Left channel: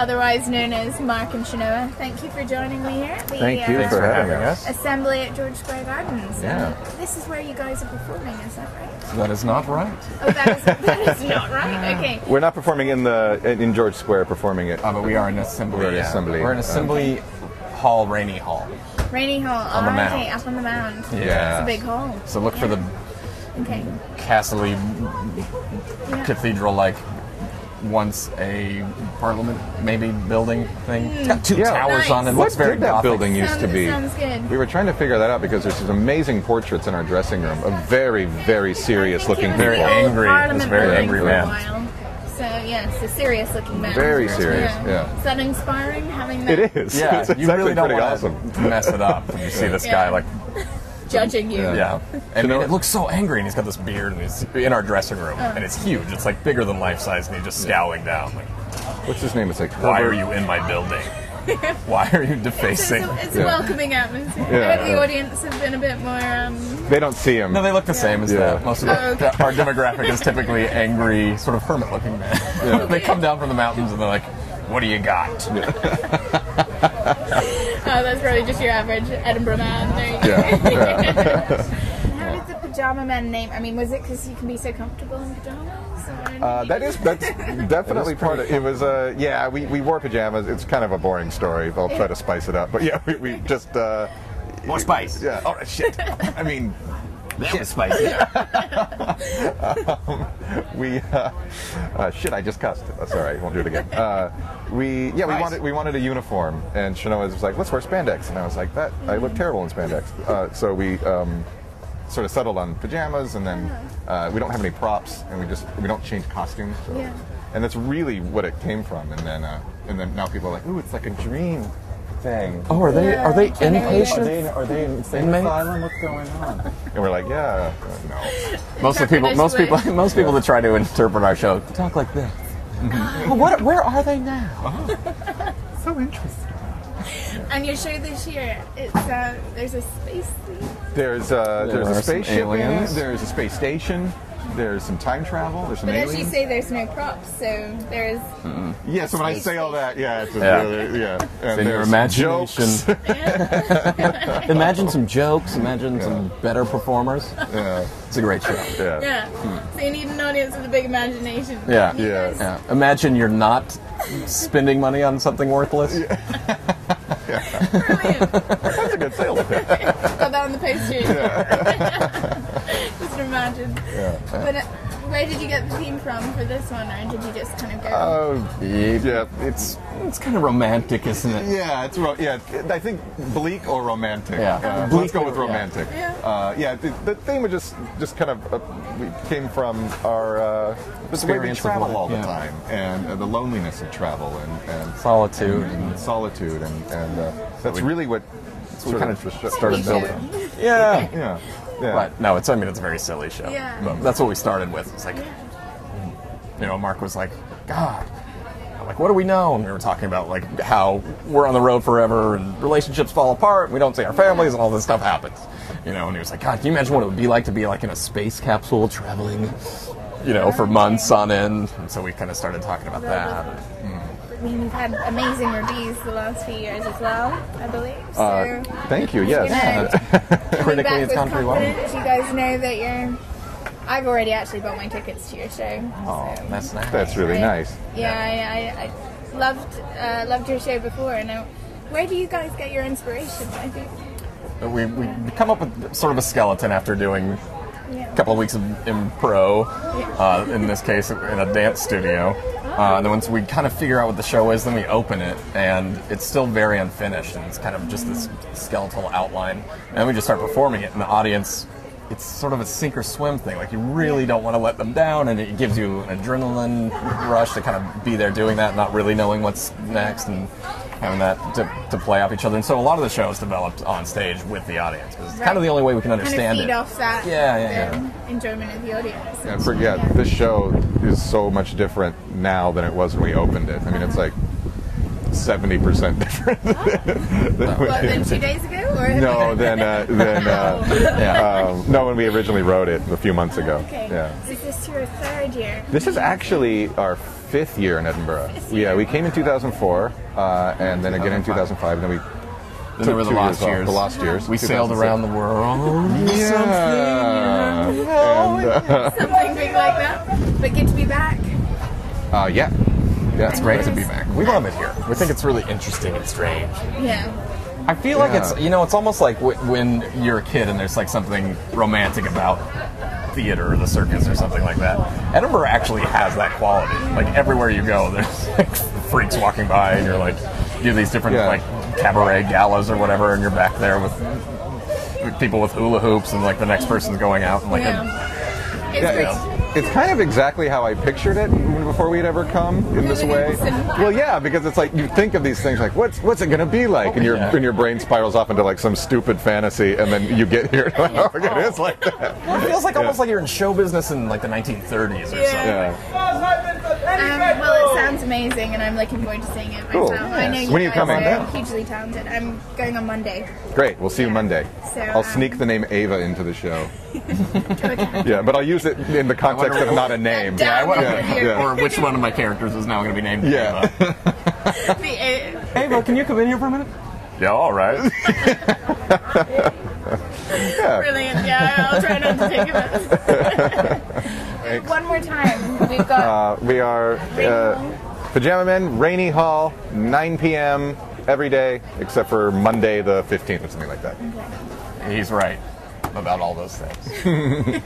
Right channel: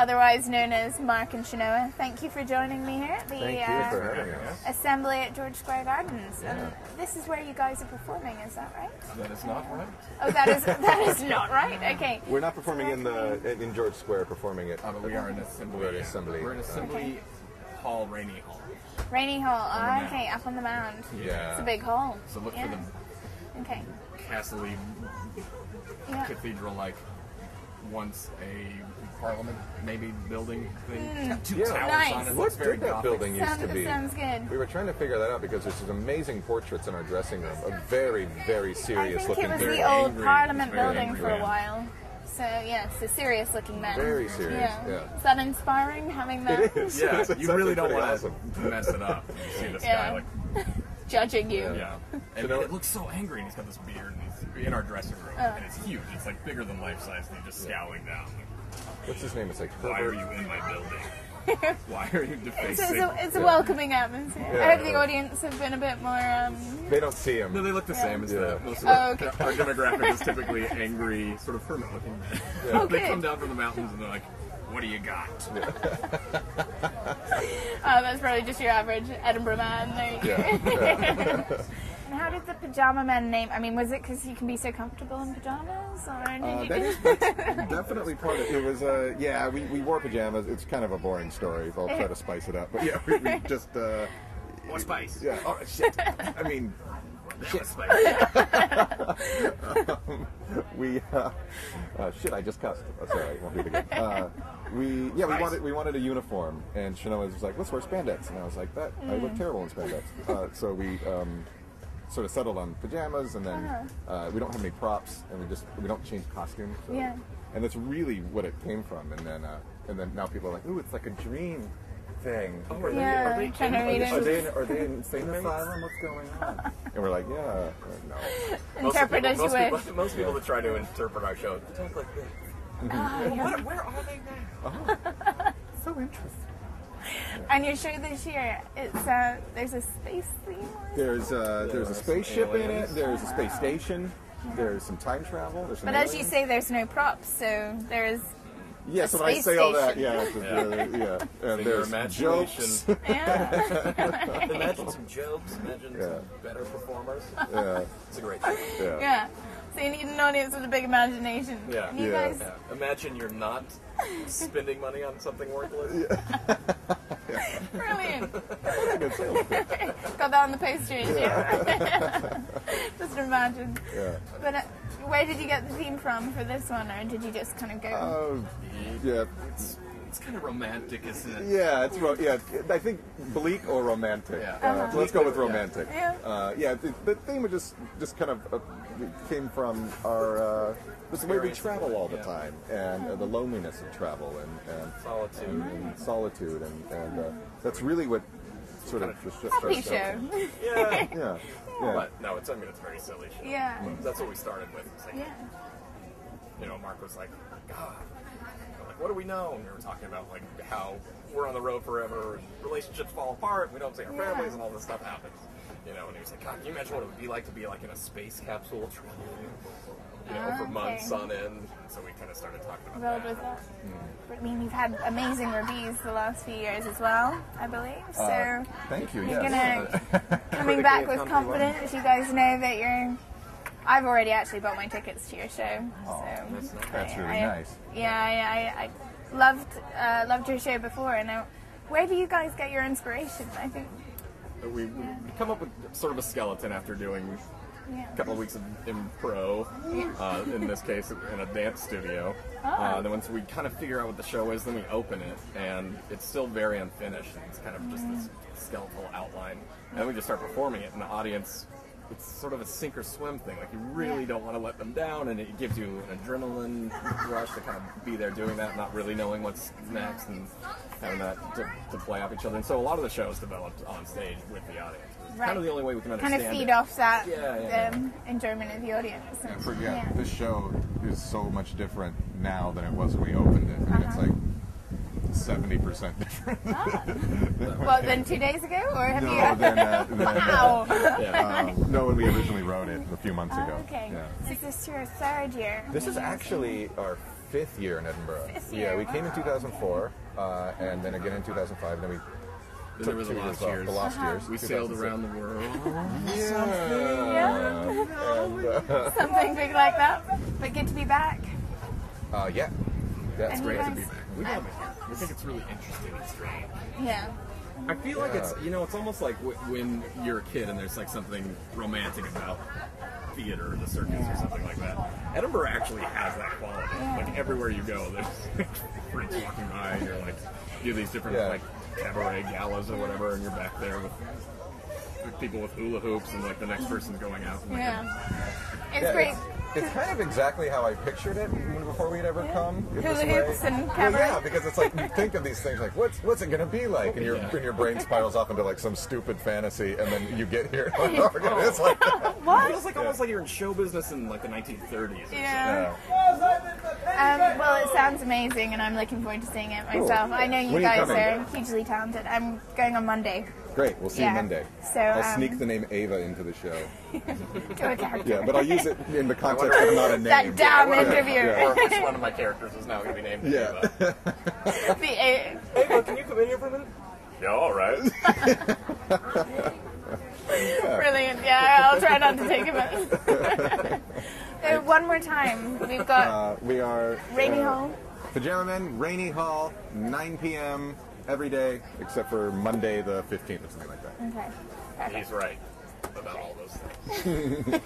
otherwise known as Mark and Shanoa. Thank you for joining me here at the Thank you for having us. Assembly at George Square Gardens. Yeah. This is where you guys are performing, is that right? That is not right. Oh, that is not right. Okay. We're not performing in George Square, performing it. But we are in assembly. We're in assembly. We're in assembly hall, Rainy Hall. Rainy Hall. On the mound. Okay, up on the mound. Yeah. It's a big hall. So look for the castle-y, cathedral-like, once a parliament maybe building thing. It's got two towers on it. What Looks very did that Gothic. building used to be? Sounds good. We were trying to figure that out because there's these amazing portraits in our dressing room of very, very serious-looking people. Very angry. It's very angry man. So yeah, it's a serious-looking man. Very serious. Yeah. Is that inspiring? Having that? It is. Yeah, It's you actually really don't pretty want awesome. to mess it up. And you see this guy like, Judging you. and it looks so angry, and he's got this beard, and he's in our dressing room, and it's huge. It's like bigger than life size, and he's just scowling down. Like, What's his name? It's like why are Herbert. you in my building? Why are you defacing? It's a welcoming atmosphere. I hope the audience have been a bit more. They don't see him. No, they look the same as that. Most of our demographic is typically angry, sort of hermit-looking men. Yeah. They come down from the mountains, and they're like, what do you got? Oh, that's probably just your average Edinburgh man. There you go. Yeah. How did the Pajama Men name? I mean, was it because you can be so comfortable in pajamas? That's definitely part of it. It was, we wore pajamas. It's kind of a boring story. I'll try to spice it up. But yeah, we just... More spice. Yeah. Oh, shit. I mean... That was spicy. Shit, I just cussed. That's all right. Won't do it again. We wanted a uniform, and Shanoa was like, let's wear spandex. And I was like, I look terrible in spandex. So we... sort of settled on pajamas, and then we don't have any props, and we don't change costumes. So. And that's really what it came from. And then now people are like, ooh, it's like a dream thing. Oh, are they inpatient? Are they in insane asylum? What's going on? And we're like, no. Most people that try to interpret our show talk like this. Well, where are they now? So interesting. And your show this year, it's there's a space theme. There's a spaceship in it. aliens. There's a space station. There's some time travel. There's some But aliens. as you say, there's no props, so there's. Yeah, so when I space say all that, station. it's and In your there's imagination. jokes. Imagine some jokes. Imagine some better performers. Yeah, It's a great show. yeah. Yeah. So you need an audience with a big imagination. Yeah. You Yeah. guys- Yeah. Imagine you're not spending money on something worthless. Brilliant. That's a good sales pitch. Got that on the poster. Just imagine. Yeah. But where did you get the theme from for this one, or did you just kind of go? Yeah, it's kind of romantic, isn't it? yeah, I think bleak or romantic. Yeah. Let's go with romantic. Yeah. The theme was just kind of we came from our the way we Experience of travel life, all the yeah. time, and the loneliness of travel and Solitude. and solitude and that's really what sort kind of of started Show. building. Yeah. Yeah. But no, it's a very silly show. Yeah. But that's what we started with. It's like, Mark was like, God. I'm like, what do we know? And we were talking about like how we're on the road forever and relationships fall apart. And we don't see our families and all this stuff happens. And he was like, God, can you imagine what it would be like to be like in a space capsule traveling, for months on end? And so we kind of started talking about that. I mean, you've had amazing reviews the last few years as well, I believe. So, Thank you. Yes. coming back with it's gone pretty well. confidence, you guys know that you're. I've already actually bought my tickets to your show. Oh, that's nice. That's really nice. I loved your show before. And where do you guys get your inspiration? I think. We come up with sort of a skeleton after doing a couple of weeks of impro, in this case in a dance studio. And then once we kind of figure out what the show is, then we open it, and it's still very unfinished, and it's kind of just this skeletal outline. And then we just start performing it, and the audience, it's sort of a sink or swim thing. Like, you really don't want to let them down, and it gives you an adrenaline rush to kind of be there doing that, not really knowing what's next, and having that to play off each other. And so a lot of the shows developed on stage with the audience, because it's kind of the only way we can understand kind of feed it. off that Yeah. enjoyment of the audience. This show is so much different now than it was when we opened it. I mean, it's like 70% different. Than 2 days ago? Or have no, when we originally wrote it a few months ago. Okay. Yeah. So is this your third year? This is actually our 5th year in Edinburgh. Yeah, we came in 2004, and then again in 2005, and then we Then took there were the 2 lost years off. years. The lost years. We sailed around the world. Yeah. And, Something big like that. But good to be back. yeah. Yeah, It's great to be back. We love it here. We think it's really interesting and strange. Yeah. I feel like Yeah. it's, it's almost like when you're a kid and there's like something romantic about theater or the circus or something like that. Edinburgh actually has that quality. Like everywhere you go, there's like freaks walking by and you're like, you have these different like cabaret galas or whatever, and you're back there with people with hula hoops and like the next person's going out and like It's great. It's kind of exactly how I pictured it before we'd ever come in this way. Well, yeah, because it's like you think of these things like what's it going to be like, and your brain spirals off into like some stupid fantasy, and then you get here and like, it is like that. It feels like almost like you're in show business in like the 1930s or something. Yeah. Well, it sounds amazing, and I'm looking forward to seeing it myself. Cool. I know you When are you guys coming? are hugely talented. I'm going on Monday. Great. We'll see you Monday. So, I'll sneak the name Ava into the show. Okay. Yeah, but I'll use it in the context of not a name. That down interview. Or which one of my characters is now going to be named Yeah. Ava. Ava, can you come in here for a minute? Yeah, all right. Brilliant. Yeah, I'll try not to take it. One more time. We've got. We are Pajama Men, Rainy Hall, 9 p.m. every day, except for Monday the 15th or something like that. Okay. He's right about all those things.